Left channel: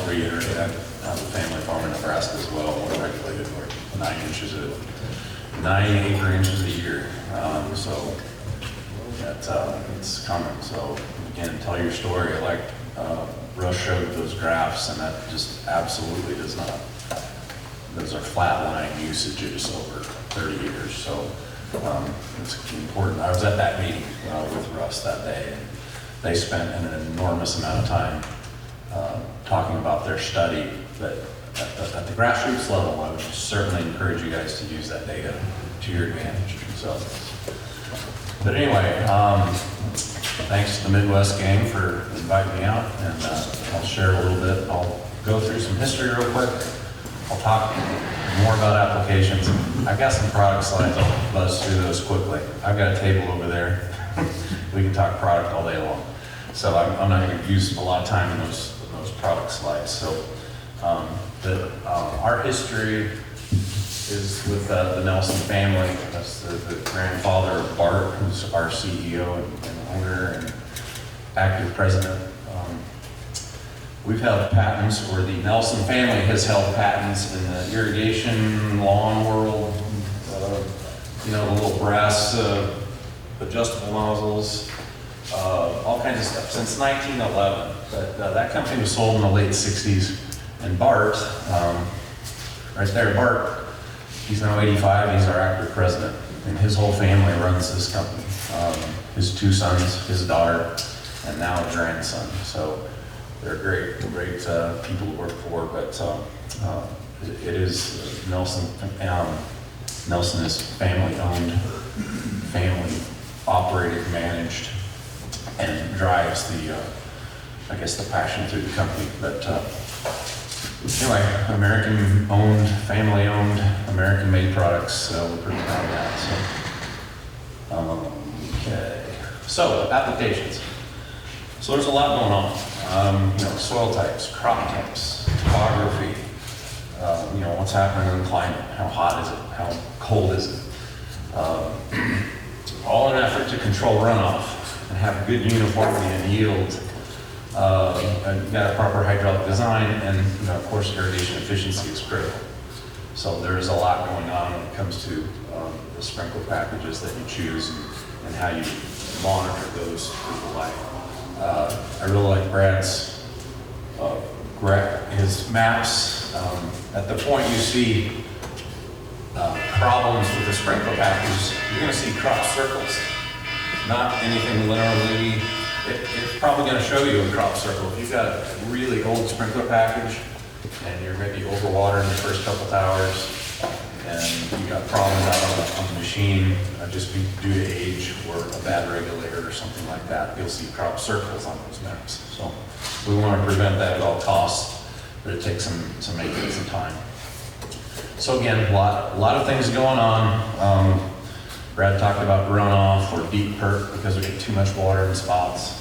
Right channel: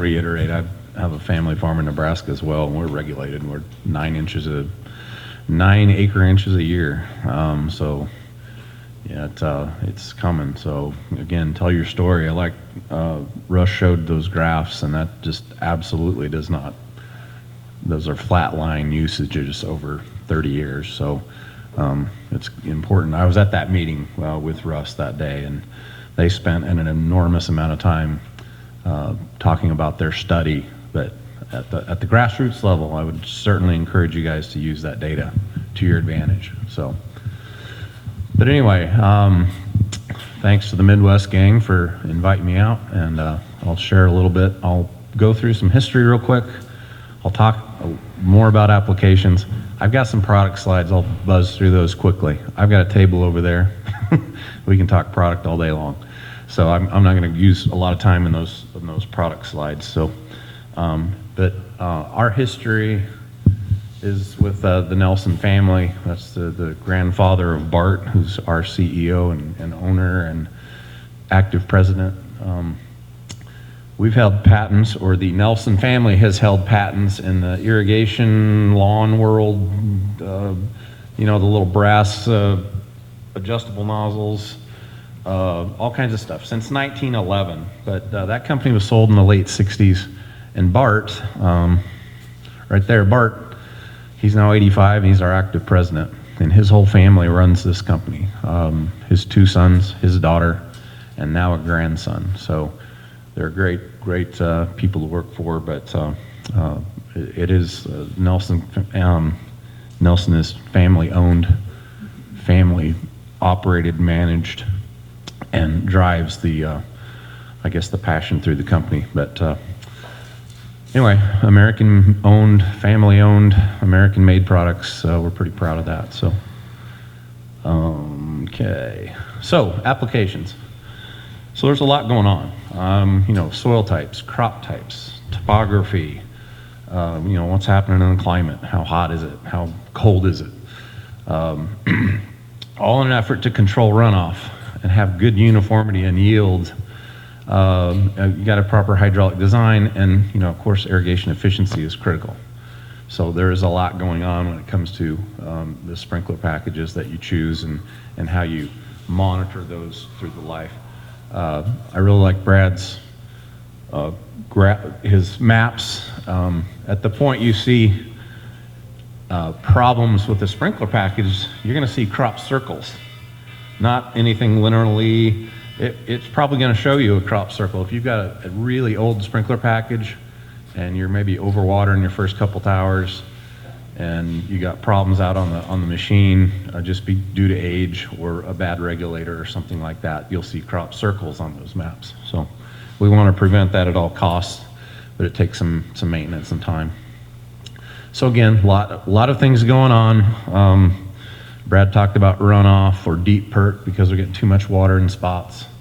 reiterate, I have a family farm in Nebraska as well, and we're regulated. We're 9 acre inches a year. So yeah, it's coming. So again, tell your story. Like Russ showed those graphs, and that just absolutely does not. Those are flatline usages over 30 years. So it's important. I was at that meeting with Russ that day, and they spent an enormous amount of time talking about their study. But at the grassroots level, I would certainly encourage you guys to use that data to your advantage. So, but anyway, thanks to the Midwest gang for inviting me out, and I'll share a little bit. I'll go through some history real quick. I'll talk more about applications. I've got some product slides. I'll buzz through those quickly. I've got a table over there. We can talk product all day long. So I'm not going to use a lot of time in those product slides. So, but our history is with the Nelson family. That's the grandfather of Bart, who's our CEO and owner and active president. We've held patents, or the Nelson family has held patents in the irrigation, lawn world, the little brass adjustable nozzles, all kinds of stuff, since 1911. But that company was sold in the late 60s. And Bart, right there, Bart, he's now 85, he's our active president. And his whole family runs this company. His 2 sons, his daughter, and now a grandson. So they're great people to work for, but it is Nelson. Nelson is family-owned, family-operated, managed, and drives the passion through the company. But anyway, American-owned, family-owned, American-made products. We're pretty proud of that. So, okay. So applications. So there's a lot going on. Soil types, crop types, topography, what's happening in the climate, how hot is it, how cold is it, all in an effort to control runoff and have good uniformity and yield. You've got a proper hydraulic design, and of course irrigation efficiency is critical. So there's a lot going on when it comes to the sprinkler packages that you choose and how you monitor those through life. I really like Brad's his maps. At the point you see problems with the sprinkler package, you're going to see crop circles, not anything linearly. It's probably going to show you a crop circle. If you've got a really old sprinkler package and you're maybe overwatering your first couple of hours and you got problems out on the machine, just be due to age or a bad regulator or something like that, you'll see crop circles on those maps. So we want to prevent that at all costs, but it takes some maintenance and time. So again, a lot of things going on. Brad talked about runoff or deep perk because we get too much water in spots.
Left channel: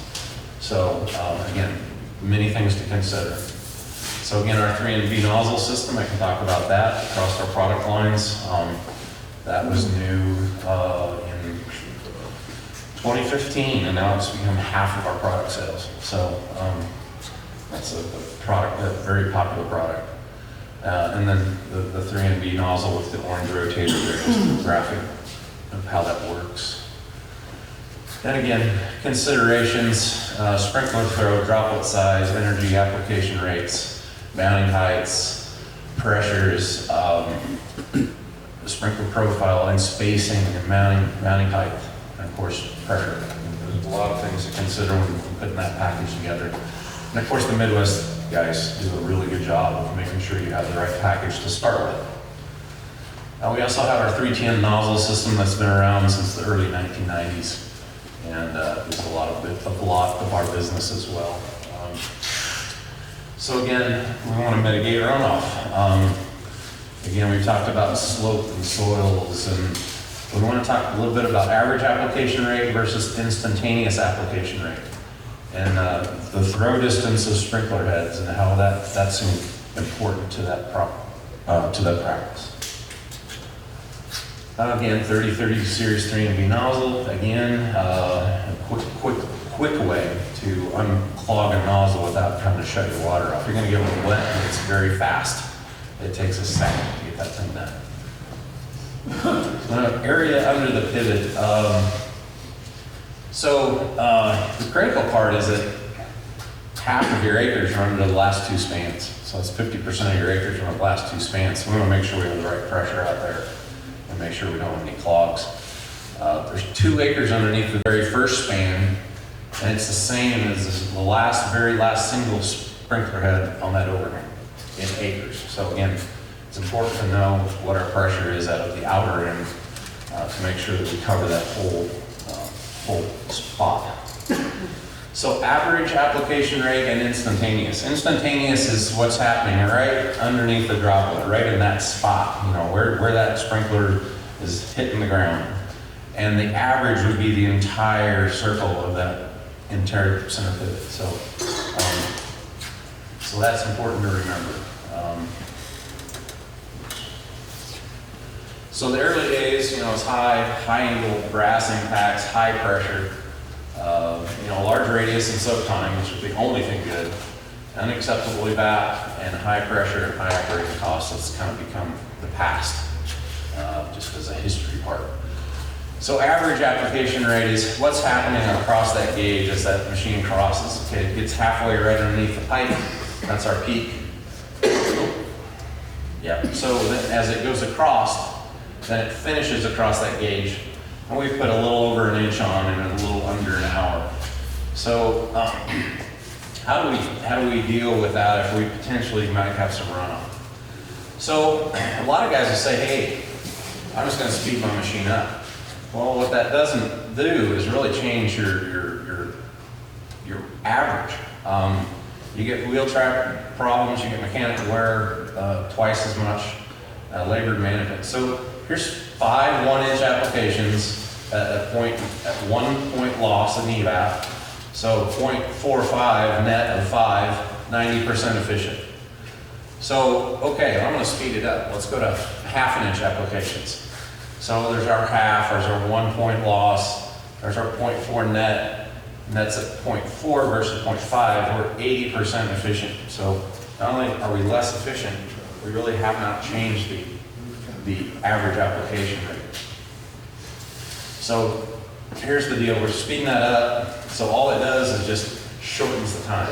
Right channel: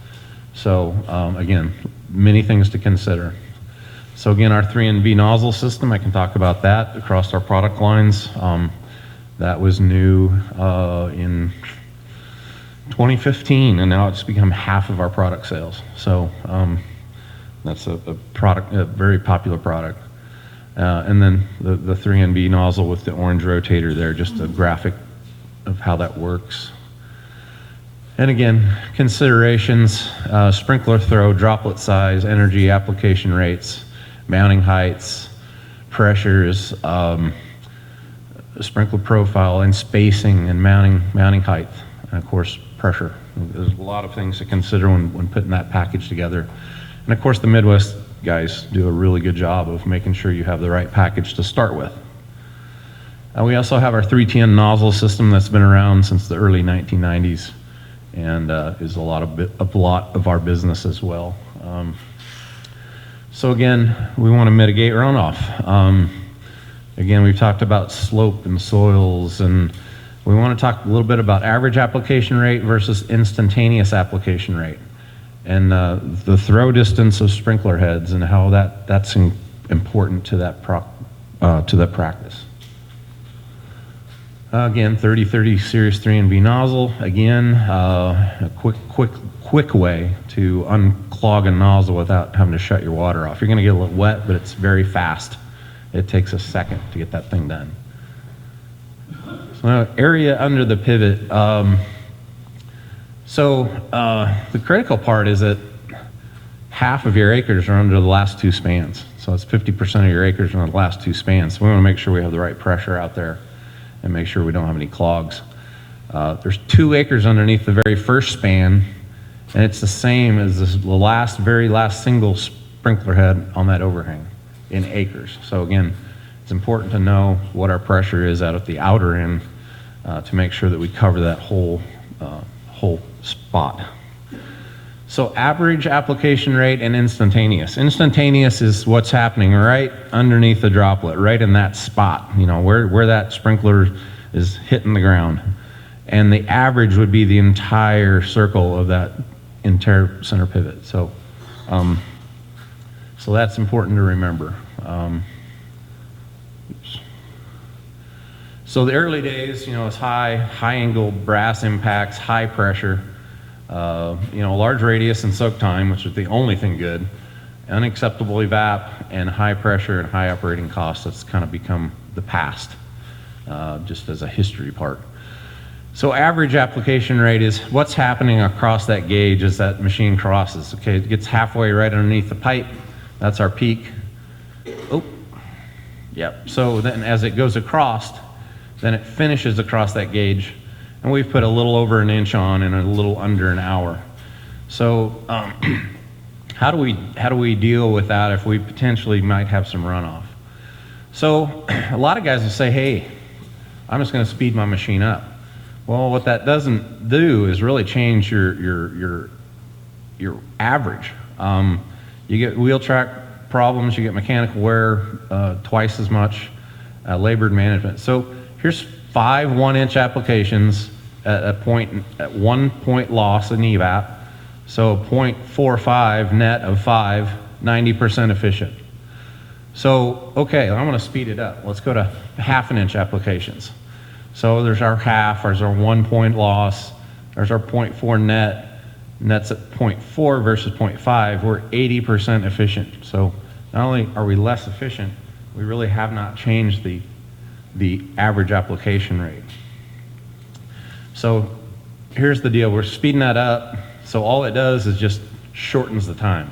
So again, many things to consider. So again, our 3NV nozzle system, I can talk about that across our product lines. That was new in 2015, and now it's become half of our product sales. So that's a very popular product. And then the 3NV nozzle with the orange rotator there, just a graphic of how that works. And again, considerations, sprinkler throw, droplet size, energy application rates, mounting heights, pressures, sprinkler profile, and spacing, and mounting height, and of course pressure. There's a lot of things to consider when putting that package together. And of course the Midwest guys do a really good job of making sure you have the right package to start with. And we also have our 310 nozzle system that's been around since the early 1990s, and is a lot of our business as well. So again, we want to mitigate runoff. Again, we talked about slope and soils, and we want to talk a little bit about average application rate versus instantaneous application rate, and the throw distance of sprinkler heads and how that's important to that practice. Again, 3030 Series 3NV nozzle. Again, a quick way to unclog clog a nozzle without having to shut your water off. You're gonna get a little wet, but it's very fast. It takes a second to get that thing done. Area under the pivot. The critical part is that half of your acres are under the last two spans. So it's 50% of your acres are on the last two spans. So we want to make sure we have the right pressure out there and make sure we don't have any clogs. There's 2 acres underneath the very first span, and it's the same as the very last single sprinkler head on that overhang in acres. So again, it's important to know what our pressure is at the outer end to make sure that we cover that whole spot. So average application rate and instantaneous. Instantaneous is what's happening right underneath the droplet, right in that spot, where that sprinkler is hitting the ground. And the average would be the entire circle of that entire center pivot. So that's important to remember. So the early days, it's high angle brass impacts, high pressure, large radius and soak time, which is the only thing good, unacceptable evap, and high pressure and high operating costs. That's kind of become the past, just as a history part. So average application rate is what's happening across that gauge as that machine crosses. Okay, it gets halfway right underneath the pipe. That's our peak. Oh. Yep. So then as it goes across, then it finishes across that gauge, and we've put a little over an inch on in a little under an hour. So how do we deal with that if we potentially might have some runoff? So a lot of guys will say, hey, I'm just going to speed my machine up. Well, what that doesn't do is really change your average. You get wheel track problems, you get mechanical wear twice as much, labor management. So here's 5 1-inch applications at 1 point loss in evap. So 0.45 net of 5, 90% efficient. So, okay, I want to speed it up. Let's go to 1/2 inch applications. So there's our half, there's our 1 point loss, there's our 0.4 net, net's at 0.4 versus 0.5, we're 80% efficient. So not only are we less efficient, we really have not changed the average application rate. So here's the deal, we're speeding that up, so all it does is just shortens the time.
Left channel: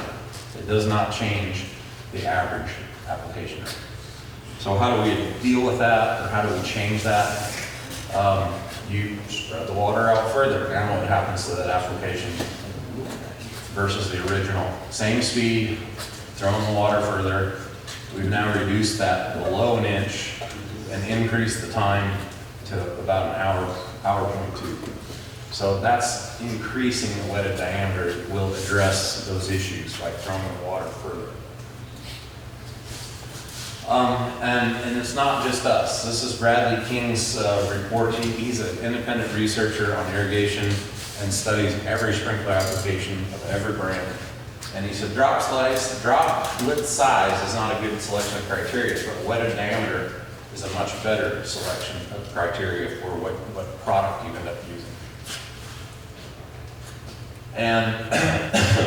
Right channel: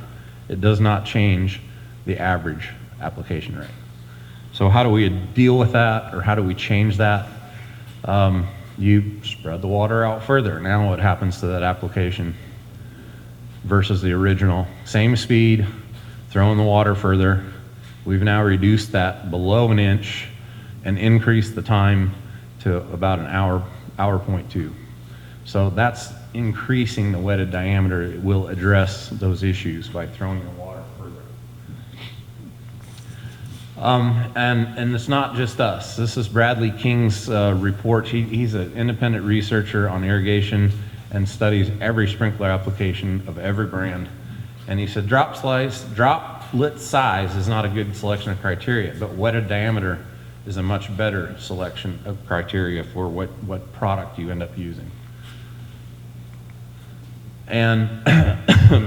It does not change the average application rate. So how do we deal with that, or how do we change that? You spread the water out further. Now what happens to that application versus the original? Same speed, throwing the water further. We've now reduced that below an inch and increased the time to about an hour 0.2. So that's increasing the wetted diameter. Will address those issues by throwing the water further. And it's not just us. This is Bradley King's report. He's an independent researcher on irrigation and studies every sprinkler application of every brand. And he said droplet size is not a good selection of criteria, but wetted diameter is a much better selection of criteria for what product you end up using. And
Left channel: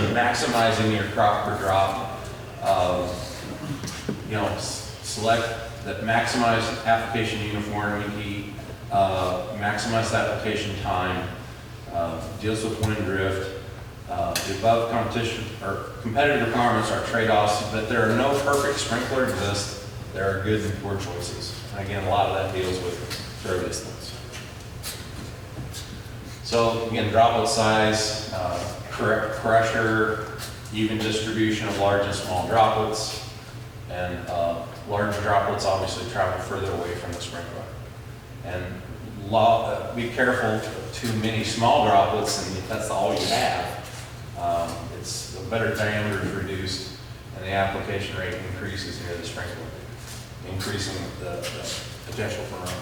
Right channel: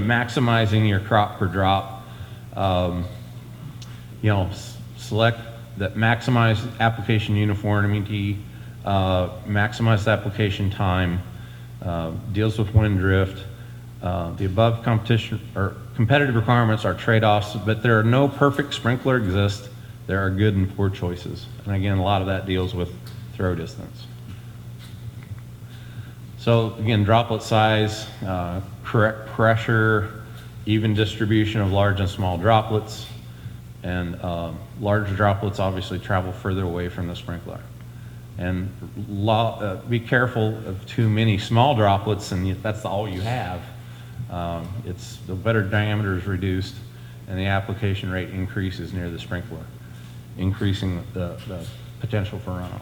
maximizing your crop per drop, select that maximize application uniformity, maximize application time, deals with wind drift. The above competition or competitive requirements are trade-offs, but there are no perfect sprinkler exists. There are good and poor choices. And again, a lot of that deals with throw distance. So again, droplet size, correct pressure, even distribution of large and small droplets, and larger droplets obviously travel further away from the sprinkler. And be careful of too many small droplets, and that's all you have. It's the better diameter is reduced, and the application rate increases near the sprinkler, increasing the potential for runoff.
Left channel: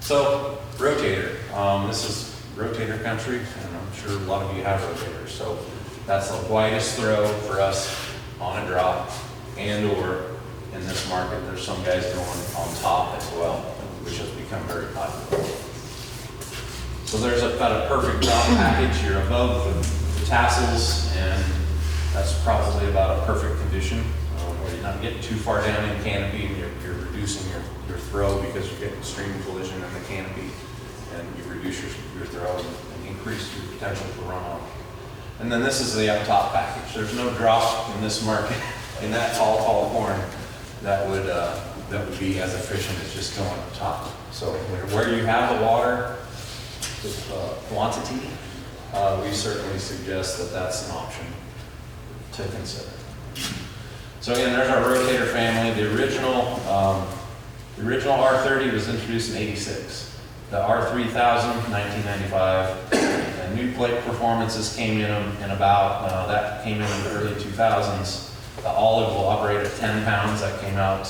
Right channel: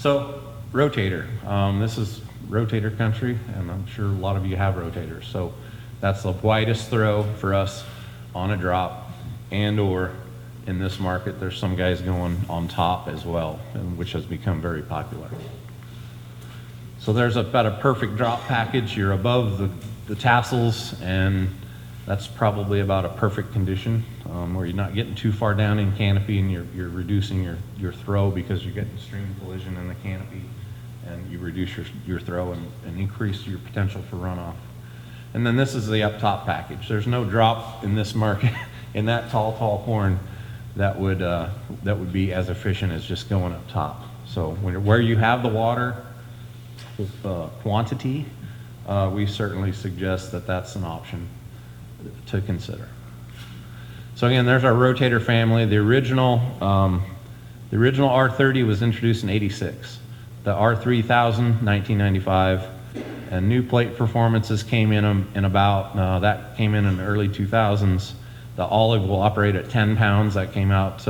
So, rotator. This is rotator country, and I'm sure a lot of you have rotators. So that's the widest throw for us on a drop, and or in this market, there's some guys going on top as well, which has become very popular. So there's about a perfect drop package. You're above the tassels, and that's probably about a perfect condition, where you're not getting too far down in the canopy and you're reducing your throw because you get extreme collision in the canopy, and you reduce your throw and increase your potential for runoff. And then this is the up top package. There's no drop in this market in that tall corn that would be as efficient as just going up top. So where you have the water with quantity, we certainly suggest that that's an option to consider. So again, there's our rotator family. The original R30 was introduced in '86. The R3000, 1995. The new plate performances came in about, that came in the early 2000s. The olive will operate at 10 pounds. That came out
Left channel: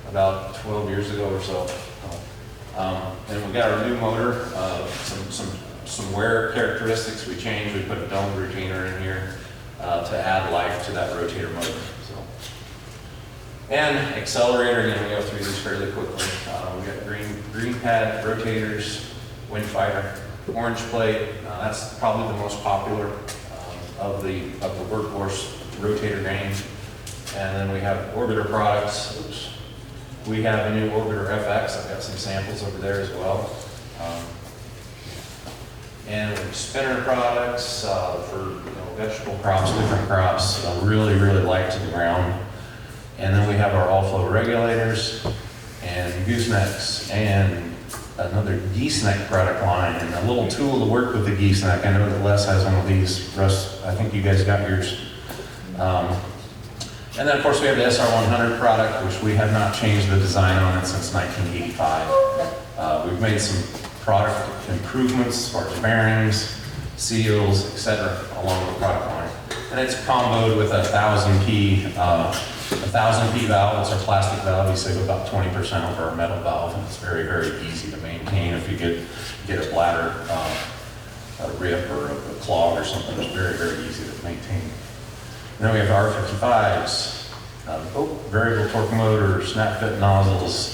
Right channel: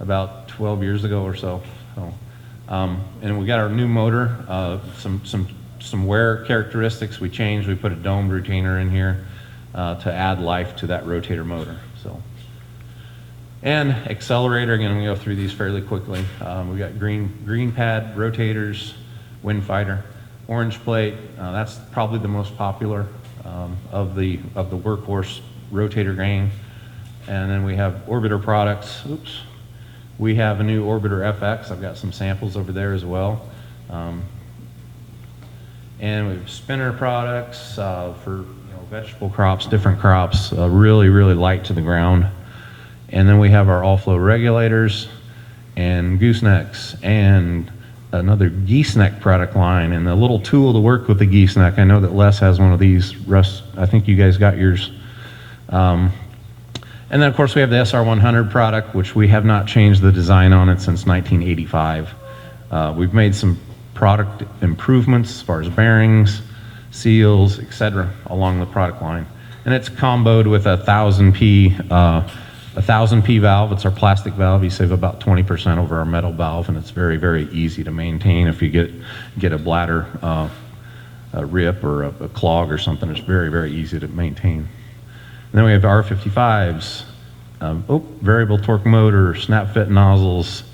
about 12 years ago or so. And we got our new motor, some wear characteristics we changed. We put a domed retainer in here to add life to that rotator motor. So. And accelerator, again, we'll go through these fairly quickly. We got green pad rotators, wind fighter, orange plate. That's probably the most popular of the workhorse rotator range. And then we have Orbiter products. Oops. We have a new Orbiter FX. I've got some samples over there as well. And spinner products for vegetable crops, different crops, really light to the ground. And then we have our all-flow regulators and goosenecks and another geese neck product line, and a little tool to work with the geese neck. I know that Les has one of these. Russ, I think you guys got yours. And then of course we have the SR100 product, which we have not changed the design on it since 1985. We've made some product improvements as far as bearings, seals, etc. along the product line. And it's comboed with a 1000P valve. It's our plastic valve. You save about 20% over our metal valve, and it's very easy to maintain. If you get a bladder rip or a clog or something, it's very easy to maintain. And then we have the R55s, variable torque motor, snap fit nozzles.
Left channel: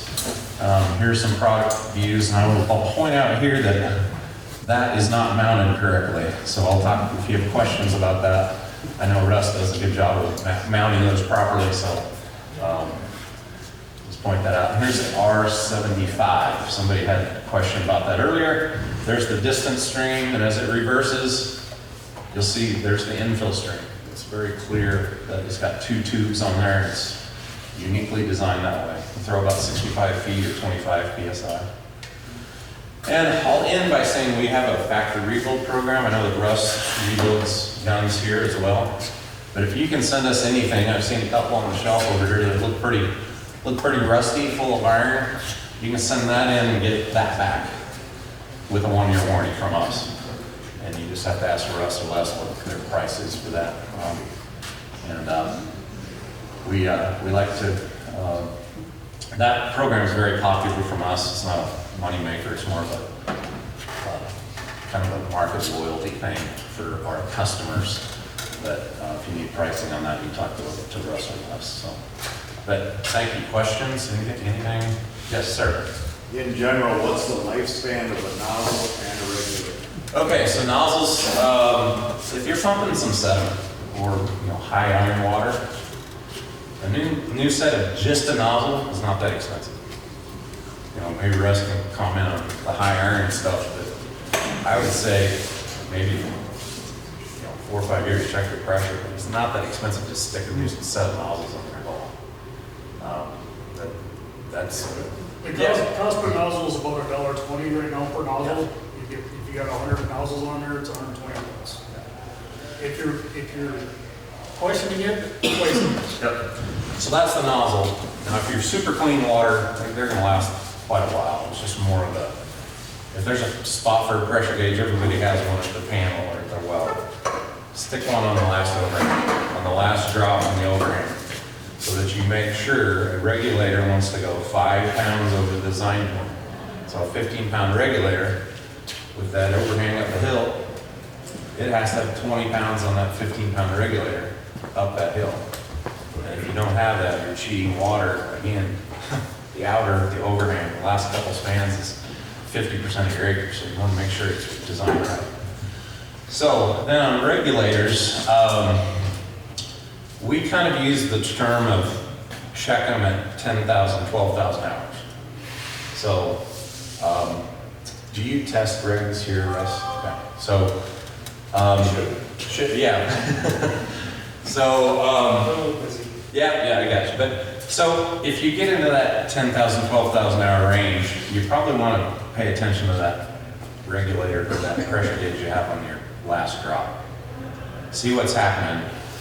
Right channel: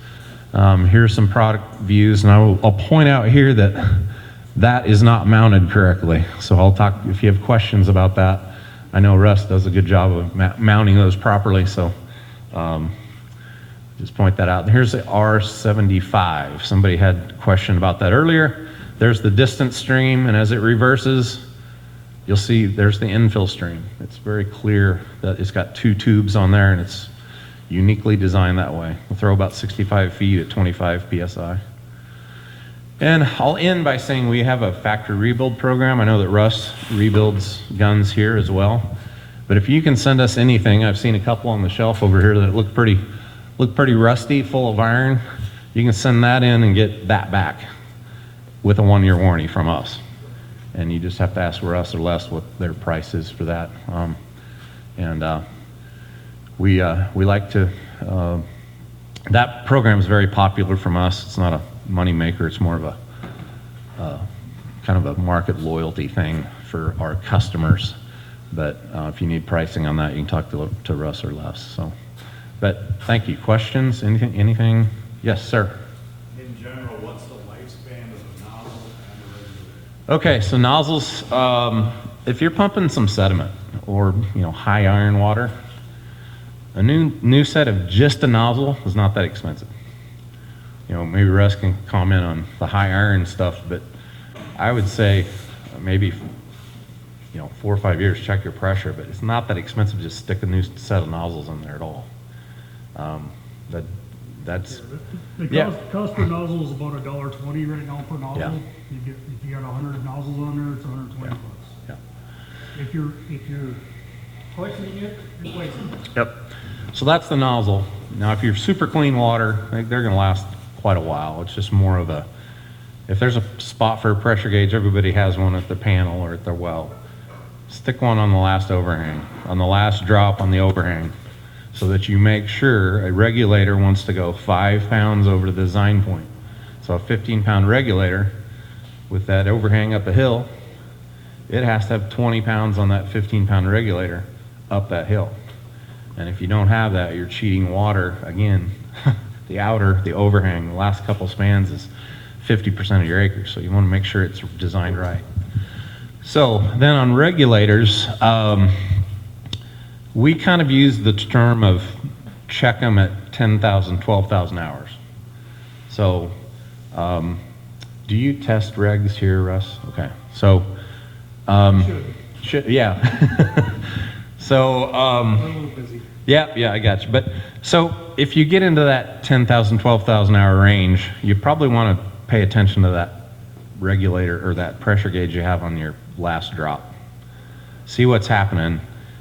Here's some product views, and I'll point out here that is not mounted correctly. So I'll talk, if you have questions about that. I know Russ does a good job of mounting those properly, so just point that out. And here's the R75. Somebody had a question about that earlier. There's the distance stream, and as it reverses, you'll see there's the infill stream. It's very clear that it's got two tubes on there, and it's uniquely designed that way. We'll throw about 65 feet at 25 PSI. And I'll end by saying we have a factory rebuild program. I know that Russ rebuilds guns here as well. But if you can send us anything, I've seen a couple on the shelf over here that look pretty rusty, full of iron. You can send that in and get that back with a 1-year warranty from us. And you just have to ask Russ or Les what their price is for that. We like to, that program is very popular from us. It's not a money maker, it's more of a kind of a market loyalty thing for our customers. But if you need pricing on that, you can talk to Russ or Les. So, but thank you. Questions? Anything? Yes, sir. In general, what's the lifespan of a nozzle and a regulator? Okay, so nozzles, if you're pumping some sediment or high iron water, a new set of just a nozzle is not that expensive. Maybe Russ can comment on the high iron stuff, but I would say maybe 4 or 5 years, check your pressure. It's not that expensive to stick a new set of nozzles in there at all. But that's Cost per nozzle is about $1.20 right now per nozzle. Yeah. You got 100 nozzles on there, it's $120. Yeah. If you're placing it, Yep. So that's the nozzle. Now, if you're super clean water, I think they're going to last quite a while. It's just more of a, if there's a spot for a pressure gauge, everybody has one at their panel or at their well. Stick one on the last overhang, on the last drop on the overhang, so that you make sure a regulator wants to go 5 pounds over the design point. So a 15-pound regulator with that overhang up the hill, it has to have 20 pounds on that 15-pound regulator up that hill. And if you don't have that, you're cheating water. Again, the overhang, the last couple of spans is 50% of your acres, so you want to make sure it's designed right. So then on regulators, we kind of use the term of check them at 10,000, 12,000 hours. So do you test regs here, Russ? Okay. So, yeah. So, yeah, I got you. But so if you get into that 10,000, 12,000 hour range, you probably want to pay attention to that regulator or that pressure gauge you have on your last drop. See what's happening.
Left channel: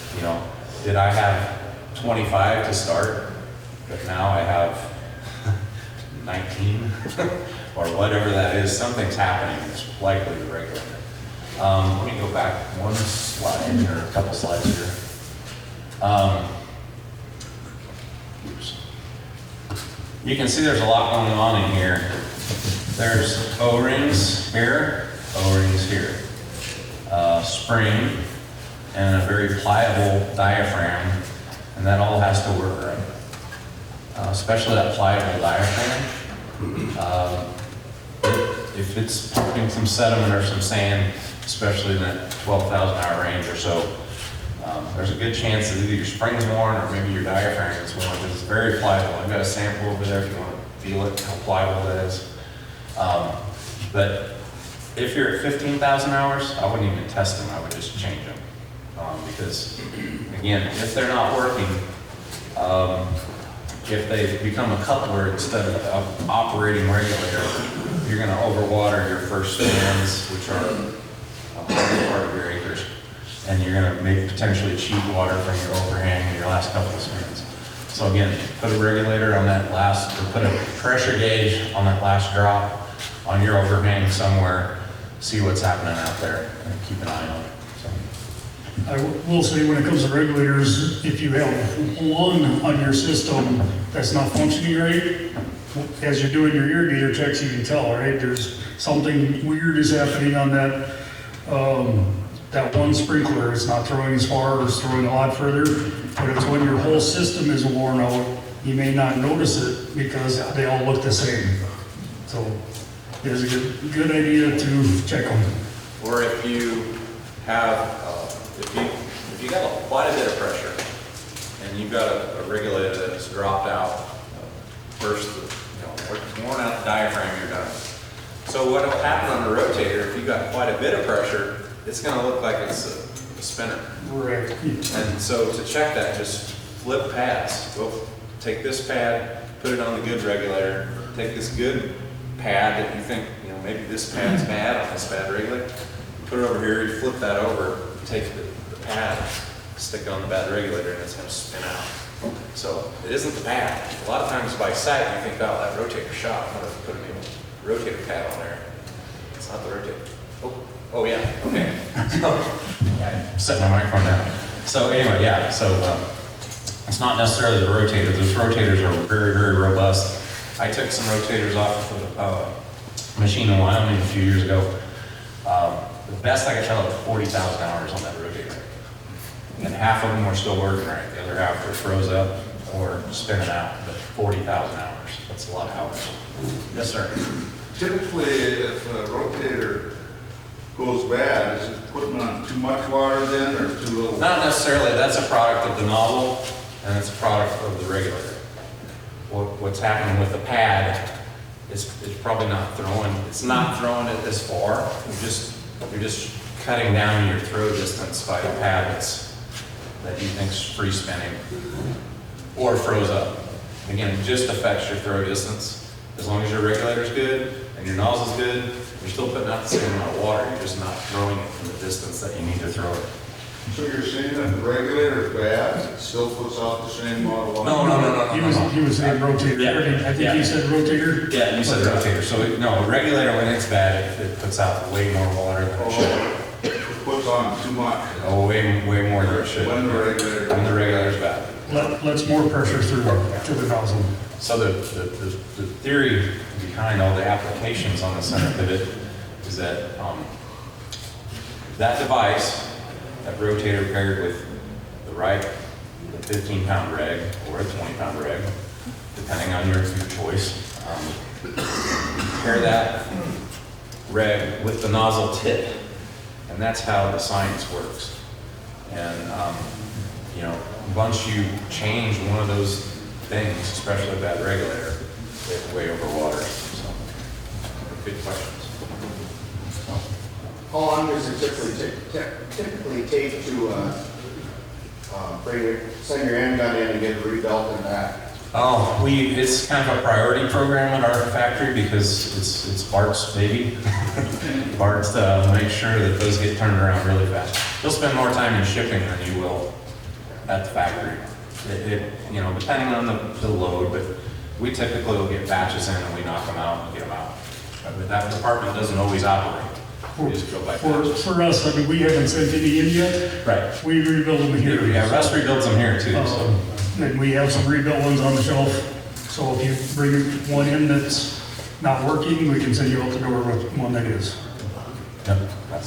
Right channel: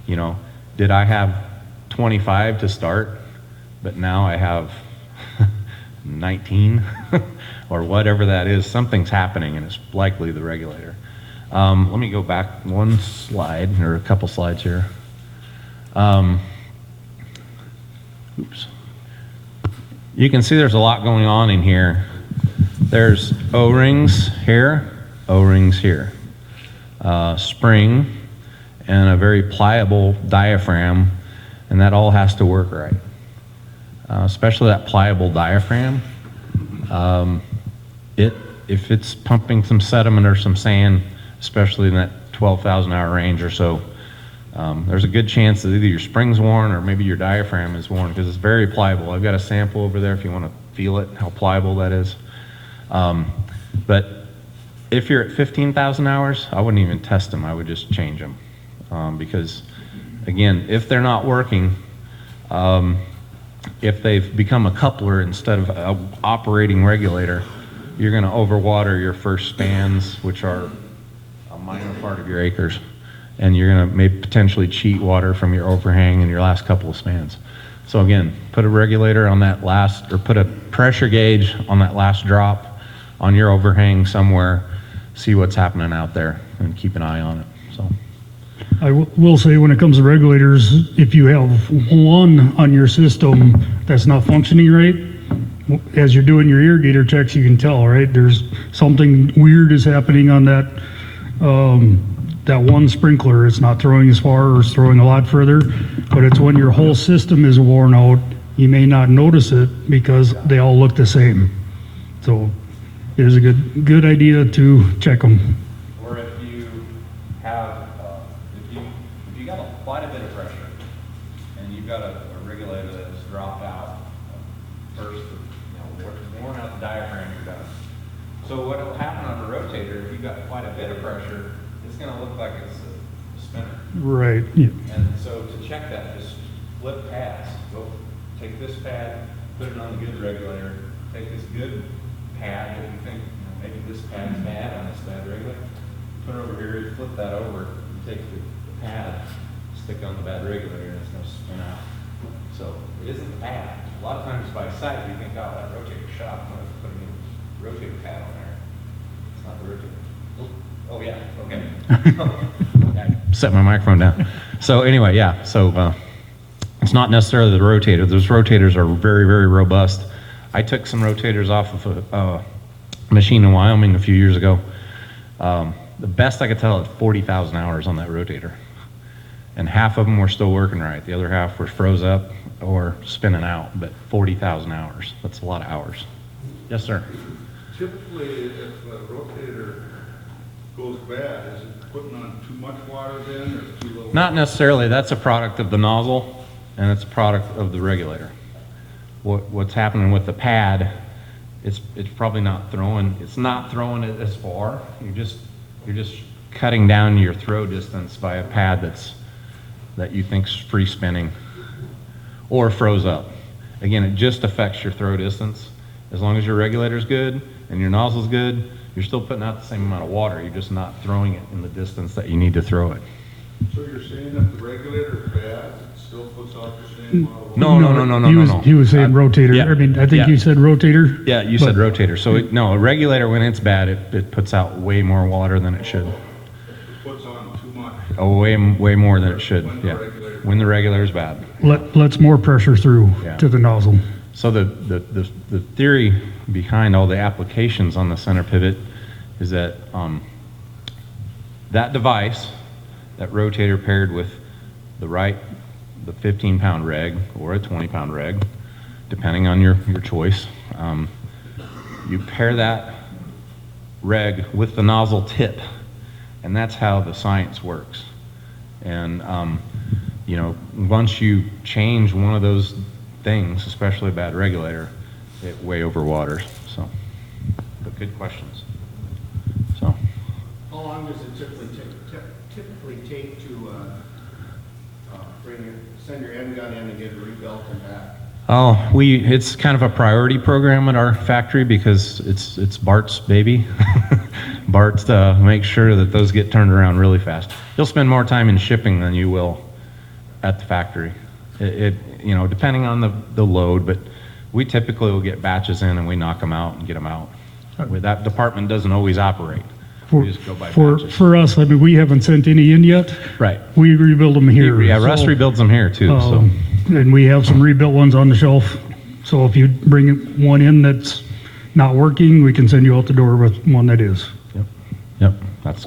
You know, did I have 25 to start, but now I have 19 or whatever that is? Something's happening. It's likely the regulator. Let me go back one slide or a couple slides here. Oops. You can see there's a lot going on in here. There's O-rings here, O-rings here, spring, and a very pliable diaphragm, and that all has to work right. Especially that pliable diaphragm. If it's pumping some sediment or some sand, especially in that 12,000 hour range or so, there's a good chance that either your spring's worn or maybe your diaphragm is worn, because it's very pliable. I've got a sample over there if you want to feel it, how pliable that is. But if you're at 15,000 hours, I wouldn't even test them, I would just change them. Because again, if they're not working, if they become a coupler instead of an operating regulator, you're going to overwater your first stands, which are your acres, and you're going to maybe potentially cheat water from your overhang in your last couple of stands. So again, put a regulator on that last, or put a pressure gauge on that last drop on your overhang somewhere, see what's happening out there, and keep an eye on it. So. I will say, when it comes to regulators, if you have one on your system that's not functioning right, as you're doing your irrigator checks, you can tell, right? There's something weird is happening on that that one sprinkler. It's not throwing as far, or it's throwing a lot further, but it's when your whole system is worn out, you may not notice it because they all look the same. So it is a good idea to check them. Or if you have if you have quite a bit of pressure and you've got a regulator that's dropped out, first, worn out the diaphragm you're going. So what will happen on a rotator, if you've got quite a bit of pressure, it's going to look like it's a spinner. Right. And so to check that, just flip pads. Well, take this pad, put it on the good regulator, take this good pad that you think, maybe this pad's bad on this bad regulator, put it over here, you flip that over, take the pad, stick it on the bad regulator, and it's going to spin out. So it isn't bad. A lot of times by sight, you think, oh, that rotator shot, what if we put a new rotator pad on there? It's not the rotator. Oh yeah, okay. Setting my microphone down. So anyway, yeah, so it's not necessarily the rotator. Those rotators are very, very robust. I took some rotators off of a machine in Wyoming a few years ago. The best I could tell is 40,000 hours on that rotator. And half of them were still working right. The other half were froze up or spinning out, but 40,000 hours. That's a lot of hours. Yes, sir. Typically, if a rotator goes bad, is it putting on too much water then, or too little? Not necessarily. That's a product of the nozzle, and it's a product of the regulator. What's happening with the pad, it's probably not throwing it. It's not throwing it this far. You're just cutting down your throw distance by the pad that you think is free spinning or froze up. Again, it just affects your throw distance. As long as your regulator's good and your nozzle's good, you're still putting out the same amount of water. You're just not throwing it in the distance that you need to throw it. So you're saying that the regulator is bad, it still puts out the same amount of water? No. He was saying rotator. Yeah. I think he said rotator. Yeah, you said rotator. So no, the regulator, when it's bad, it puts out way more water than it should. It puts on too much. Oh, way more than it should. When the When the regulator's bad. Let's more pressure through to the nozzle. So the theory behind all the applications on the center pivot is that that device, that rotator paired with the 15-pound reg or a 20-pound reg, depending on your choice, you pair that reg with the nozzle tip, And that's how the science works. And, you know, once you change one of those things, especially that regulator, it way overwaters. So, good questions. So, How long does it typically take to, send your end gun in and get it rebuilt and back? oh, it's kind of a priority program in our factory because it's Bart's baby. Bart makes sure that those get turned around really fast. He'll spend more time in shipping than you will at the factory. You know, depending on the load, but we typically will get batches in and we knock them out and get them out. But that department doesn't always operate. We just go by batches. For us, I mean, we haven't sent any in yet. Right. We rebuild them here. Yeah, Russ rebuilds them here too. So. And we have some rebuilt ones on the shelf. So if you bring one in that's not working, we can send you out the door with one that is. Yep.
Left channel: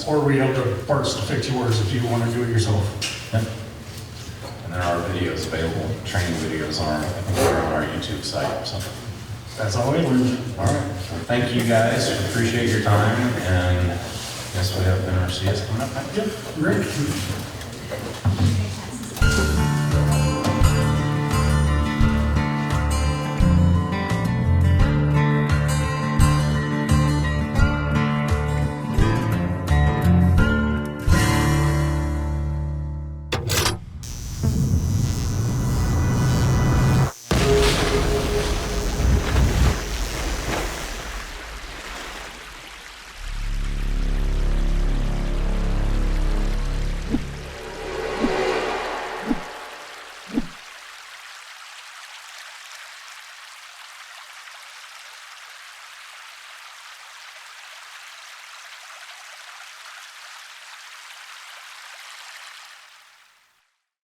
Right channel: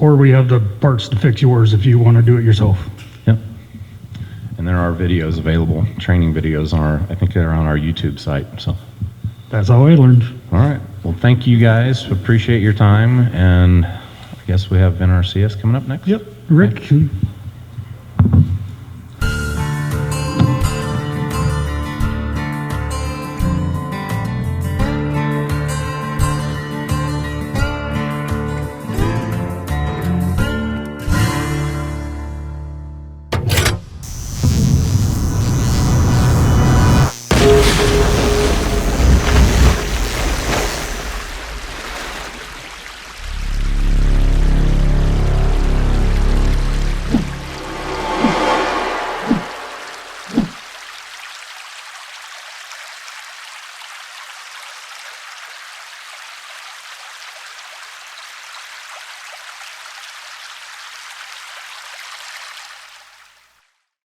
Or we have the parts to fix yours if you want to do it yourself. Yep. And there are videos available, training videos on I think they're on our YouTube site. So. That's how I learned. All right. Well, thank you guys. Appreciate your time. And I guess we have NRCS coming up next. Yep, Rick.